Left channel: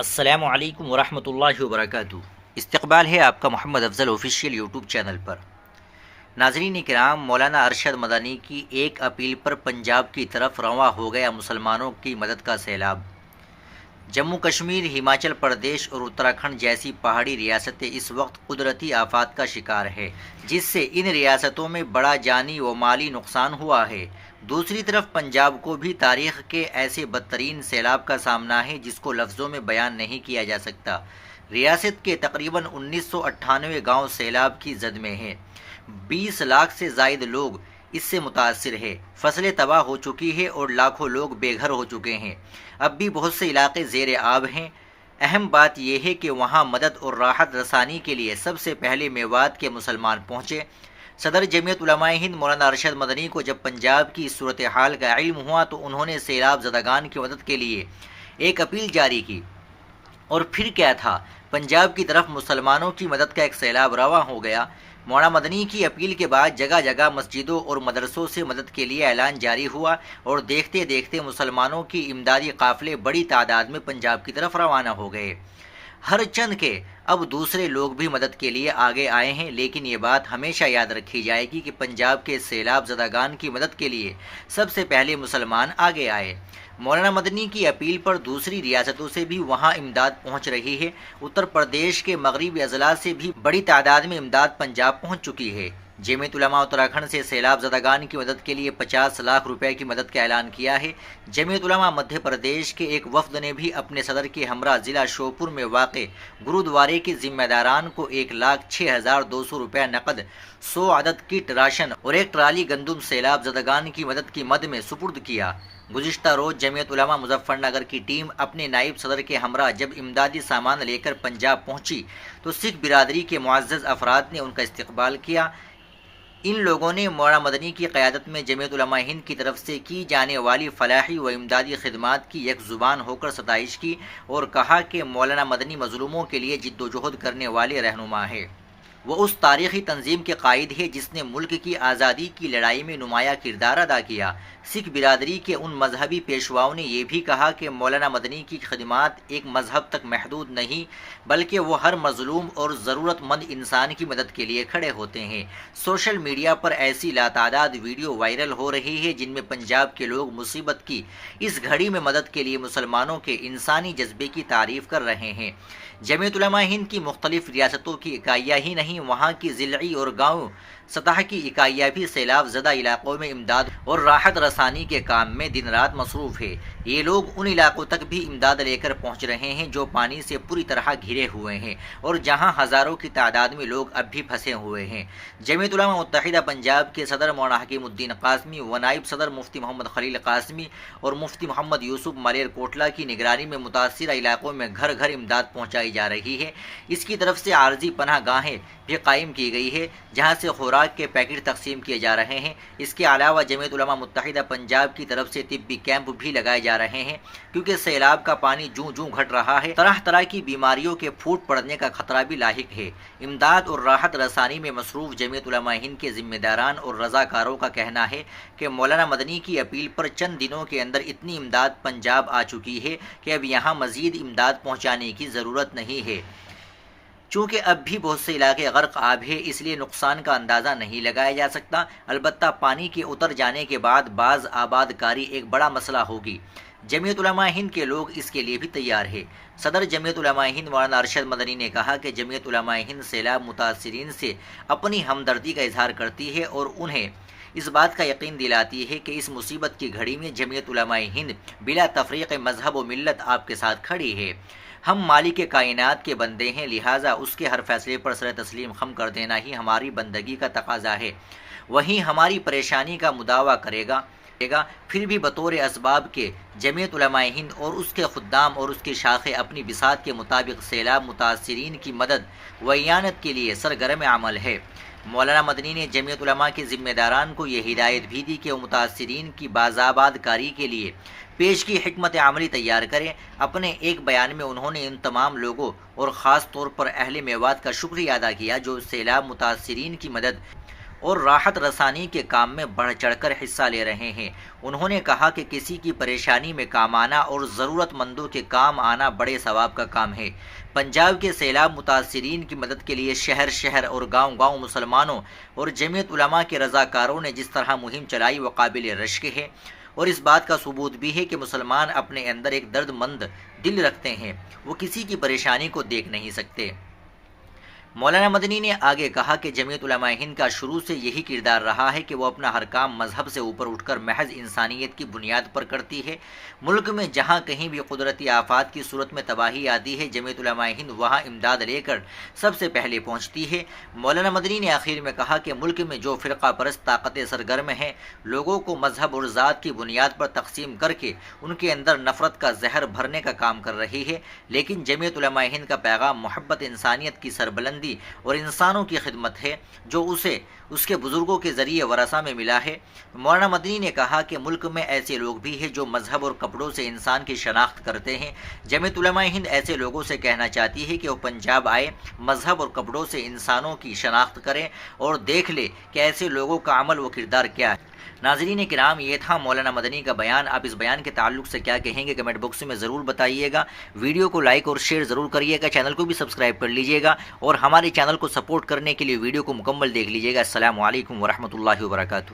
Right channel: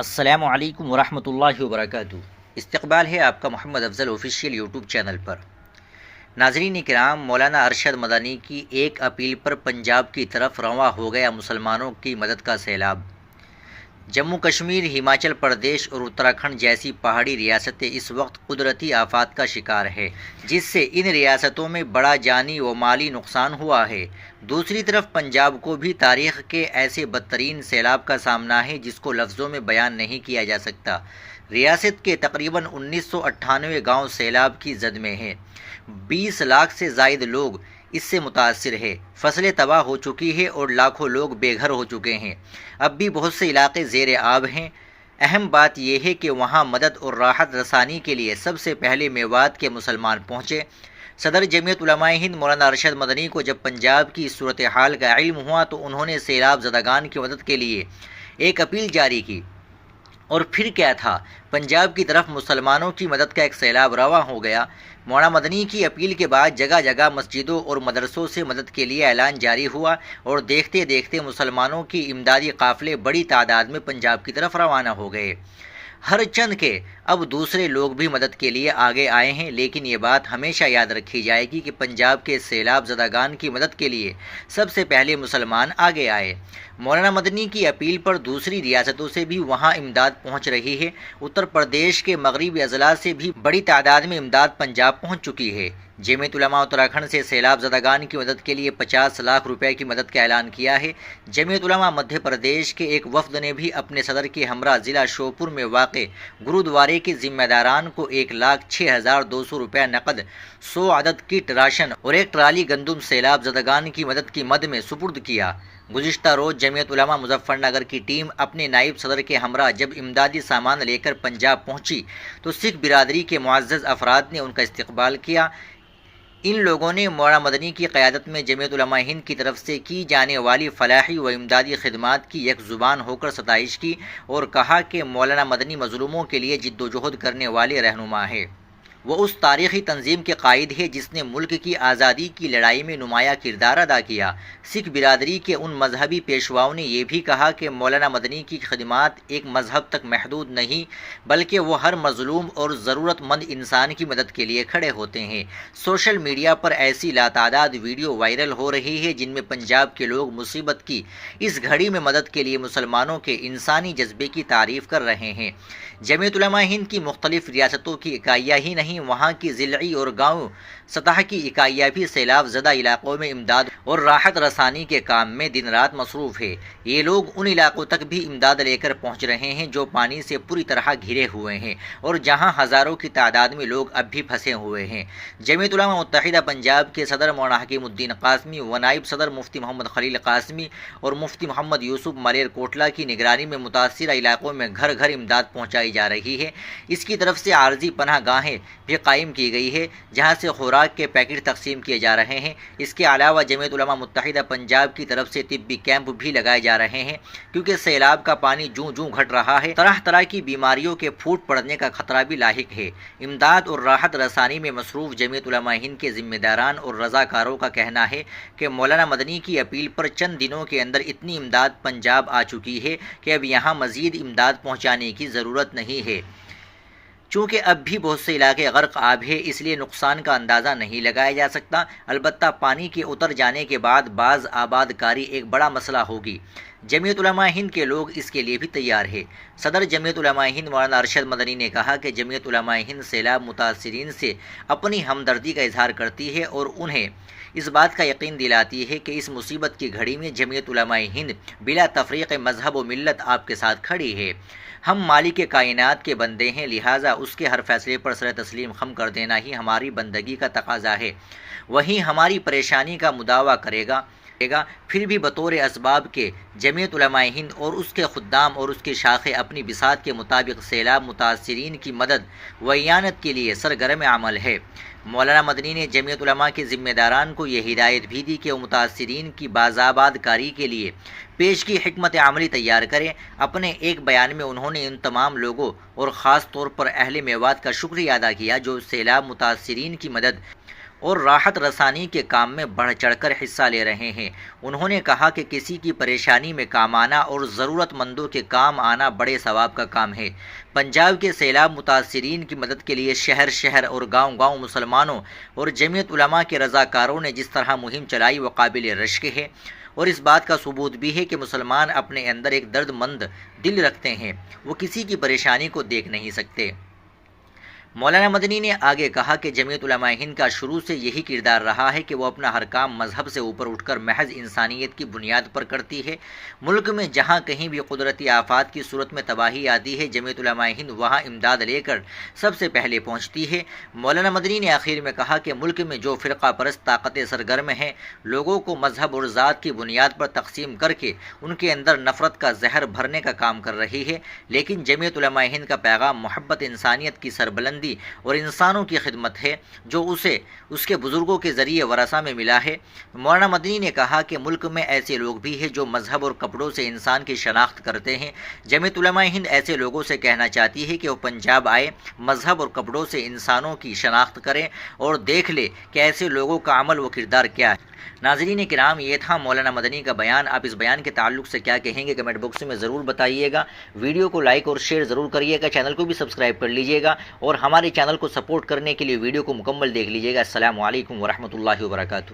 السلام علیکم ورحمۃ اللہ وبرکاتہ۔ استقبال ہے آپ کا محمد افضل آفیشیل یوٹیوب چینل پر۔ ناظرین کرام، مولانا ارشد مدنی کی ایک اپیل پر پنجاب کی طرف رواں ہو گیا مسلمانوں کی مدد کا سیلاب۔ جموں کشمیر، ہماچل پردیش اور اتراکھنڈ جیسی پہاڑی ریاستیں اس وقت قدرتی آفات کا شکار ہے، جس سے ان ریاستوں میں بڑا جانی و مالی نقصان ہوا ہے۔ دوسری طرف پنجاب کو بھی تاریخ کے ایسے بدترین سیلاب کا سامنا ہے جس کو لفظوں میں بیان نہیں کیا جا سکتا۔ ریاست کے تقریباً 1998 گاؤں سیلاب کی زد میں ہیں۔ 20 لاکھ سے زائد لوگ اس سے متاثر ہیں۔ فصلیں تباہ ہو چکی ہیں اور لاکھوں لوگ بے گھر ہو چکے ہیں۔ اب بھی بہت سے علاقے زیر آب ہیں۔ اہم بات یہ ہے کہ وہاں مدد اور راحت رسانی کے لیے سب سے پہلے میوات کے مسلمان پہنچے۔ صدر جمعیت علماء ہند مولانا ارشد مدنی کو جب پنجاب کی صورتحال کا علم ہوا تو انہوں نے سیلاب زدگان کی مدد کے لیے ایک اپیل جاری کی۔ اور پھر کیا تھا، پنجاب کی طرف مسلمانوں کی مدد کا ایک سیلاب رواں ہو گیا۔ مولانا مدنی کی اپیل کے بعد جگہ جگہ مسجدوں اور مدرسوں سے مدد کے لیے اعلان جاری ہوا اور دیکھتے دیکھتے مسلمانوں کی امدادی قافلے بڑی تعداد میں پنجاب کی طرف روانہ ہو گئے۔ ہر چند کے اب دوسرے لوگ بھی مدد کے لیے آگے آئے ہیں، لیکن یہ بات ہمیشہ یاد رکھی جائے گی کہ پنجاب کے سیلاب زدگان کی مدد کے لیے سب سے پہلے مسلمان آگے آئے۔ مولانا مدنی کی اپیل پر دوسری ریاستوں سے بھی وہاں امداد پہنچ رہی ہے۔ اتر پردیش کے مغربی اضلاع سے بھی بڑی تعداد میں امداد پنجاب پہنچ چکی ہے۔ جمعیت علماء اتراکھنڈ سے سیلاب زدگان کی مدد کے لیے 50 لاکھ روپے کی مدد کا اعلان کیا ہے۔ جمعیت علماء مدھیہ پردیش کے ایک وفد نے بھی اپنے صدر کے ہمراہ ضلع شوپور میں واقع گرودوارے کے ذمہ داران کو 1,06,200 روپے نقد، 100 عدد کٹ راشن اور ایک ٹرالی گندم سیلاب زدگان کی مدد کی مد میں سپرد کیا۔ گزشتہ روز جمعیت علماء مظفر نگر کی ٹیم اپنے نائب صدر کے ہمراہ جب امدادی سامان لے کر پنجاب پہنچی تو سکھ برادری کے معزز افراد نے ان کا استقبال کیا۔ ان لوگوں نے مولانا مدنی کی قیادت میں جمعیت علماء ہند کی طرف سے کی جانے والی فلاحی و امدادی خدمات کی یک زبان ہو کر ستائش کی اور کہا کہ مولانا مدنی مظلوموں کے لیے جد و جہد کرنے والے رہنما ہیں۔ وہ اس تاریخی تنظیم کے قائد ہے جس نے ملک کی آزادی کی لڑائی میں نمایاں کردار ادا کیا۔ سکھ برادری کے ان مذہبی پیشواؤں نے یہ بھی کہا کہ مولانا مدنی کی خدمات ایک مذہب تک محدود نہیں، بلکہ وہ ہر مظلوم اور ضرورت مند انسان کی مدد کے لیے کھڑے ہوتے ہیں۔ سوشل میڈیا پر ایسی لاتعداد ویڈیو وائرل ہو رہی ہے جن میں پنجاب کے لوگ مصیبت کی اس گھڑی میں مدد کے لیے مسلمانوں کے انسانی جذبے کی تعریف کر رہے ہیں۔ جمعیت علماء ہند کی مختلف ریاستوں کی اکائیاں ہی نہیں، وہاں کی ضلعی اور گاؤں سطح کی اکائیاں بھی سیلاب زدہ علاقوں میں امداد اور راحت رسانی کے کام میں دن رات مصروف ہے۔ یہ لوگ ان علاقوں تک بھی امداد لے کر پہنچ رہے ہیں جو پانی سے پوری طرح گھرے ہوئے ہیں اور جہاں ہزاروں کی تعداد میں لوگ اب بھی پھنسے ہوئے ہیں۔ جمعیت علماء متحدہ پنجاب کے صدر مولانا حکیم الدین قاسمی و نائب صدر مفتی محمد خلیل قاسمی اور مفتی محمد یوسف ملیر کوٹلہ کی نگرانی میں متاثرہ علاقوں میں گھر گھر امداد پہنچائی جا رہی ہے۔ اس کی طرف سے عارضی پناہ گاہیں بھی قائم کی گئی ہے جہاں سے خوراک کے پیکٹ تقسیم کیے جا رہے ہیں۔ اس کے علاوہ جمعیت علماء متحدہ پنجاب کی طرف سے طبی کیمپ بھی لگائے جا رہے ہیں، کیونکہ سیلاب کا پانی جوں جوں گھٹ رہا ہے، طرح طرح کی بیماریوں کے پھوٹ پڑنے کا خطرہ بھی لاحق ہے۔ امداد اور راحت رسانی میں مصروف جمعیت علماء ہند کے ذمہ داران اور رضاکاروں کا کہنا ہے کہ مولانا مدنی کی اپیل پر چند دنوں کے اندر اتنی امداد پنجاب آ چکی ہے کہ اب یہاں مزید امداد پہنچانے کی ضرورت نہیں ہے۔ چونکہ اب بھی بہت سے علاقے غرق آب ہے، اس لیے نقصان کا اندازہ نہیں لگایا جا سکتا، البتہ پانی کے اتر جانے کے بعد بعض آباد کاری ایک بڑا مسئلہ ہوگی۔ جمعیت علماء ہند کے لوگ اس کے لیے بھی تیار ہیں۔ صدر جمعیت علماء ہند مولانا ارشد مدنی نے کہا کہ جمعیت علماء ہند سیلاب متاثرین سے اپنی ہمدردی کا اظہار کرتی ہے اور انہیں اس بات کا یقین دلاتی ہے کہ اس مصیبت کی گھڑی میں جمعیت علماء ہند بلا تفریق مذہب و ملت آپ کے ساتھ کھڑی ہے۔ ہم مالک کائنات کے بندے ہیں، لہٰذا اس کے ہر فیصلے پر سر تسلیم خم کر دینا ہی ہماری بندگی کا تقاضا ہے۔ وہی ہماری پریشانی کا مداوع کرے گا۔ پھر بھی بطور اسباب کے جمعیت علماء ہند اور اس کے خدام اور اس کی شاخیں اپنی بساط کے مطابق سیلاب متاثرین کی مدد و اعانت کے لیے سرگرم عمل ہے۔ مولانا مدنی نے جمعیت علماء کے ذمہ داران کو یہ ہدایت بھی دی کہ وہ متاثرین کی بازآباد کاری کے لیے پیش کی حکمت عملی تیار کریں۔ اپنے ایک بیان میں انہوں نے ان تمام لوگوں اور خاص طور پر اہل میوات کا شکریہ ادا کیا جو سیلاب متاثرین کی مدد اور راحت رسانی کے کام میں بڑھ چڑھ کر حصہ لے رہے ہیں۔ انہوں نے کہا کہ کسی کی پریشانی میں کام آنا اور ضرورت مندوں کے کام آنا بڑے ثواب کا کام ہے۔ پنجاب کے سیلاب متاثرین کی مدد کے لیے شہر شہر اور گاؤں گاؤں مسلمانوں اور جمعیت علماء کے رضاکاروں نے جس طرح مہم چلائی وہ قابل رشک ہے، اور اس بات کا ثبوت بھی ہے کہ مسلمان اپنے اندر ایک درد مند دل رکھتے ہیں، وہ کسی کی پریشانی کو دیکھ نہیں سکتے۔ مولانا مدنی نے آگے کہا کہ جمعیت علماء ہند کا شروع سے یہی کردار رہا ہے کہ وہ اپنا ہر کام مذہب سے اوپر اٹھ کر محض انسانیت کی بنیاد پر کرتی ہے۔ ملک میں جہاں کہیں بھی قدرتی آفات کی صورت میں تباہی آتی ہے، جمعیت علماء ہند وہاں امداد لے کر سب سے پہلے پہنچتی ہے۔ مولانا مدنی نے آخر میں کہا کہ ملک میں جو فرقہ پرست طاقتیں سرگرم ہیں، لوگوں کو مذہب اور ذات کی بنیاد پر تقسیم کر کے ان کے اندر نفرت کا زہر بھرنے کا کام کر رہی ہے، لیکن جمعیت علماء ہند کا پیغام محبت انسانیت کی سربلندی اور انسانوں کی خدمت ہے، جو اسے اس کے بزرگوں کے ذریعے ورثہ میں ملا ہے۔ مولانا مدنی نے کہا کہ ملک میں ایسے لوگ بھی ہیں جو مذہب اور کپڑوں سے انسان کی شناخت کرتے ہیں۔ جمعیت علماء ہند ایسے لوگوں سے کہنا چاہتی ہے کہ وہ پنجاب آئے، مذہب اور کپڑوں سے انسانوں کی شناخت کریں اور دیکھ لے کہ ایسے لوگوں کا عمل و کردار کیا ہے۔ ناظرین کرام، یہ تھا مولانا مدنی کا بیان۔ آپ اس بیان کے تعلق سے کیا کہیں گے کمنٹ باکس میں ضرور بتائیے گا۔ ویڈیو کو لائک اور شیئر ضرور کریے گا، چینل کو بھی سبسکرائب کر لیجیے گا، اور ہمارے چینل کو سپورٹ کرنے کے لیے ویڈیو کو مکمل دیکھ لیجیے گا۔ السلام علیکم ورحمۃ اللہ وبرکاتہ۔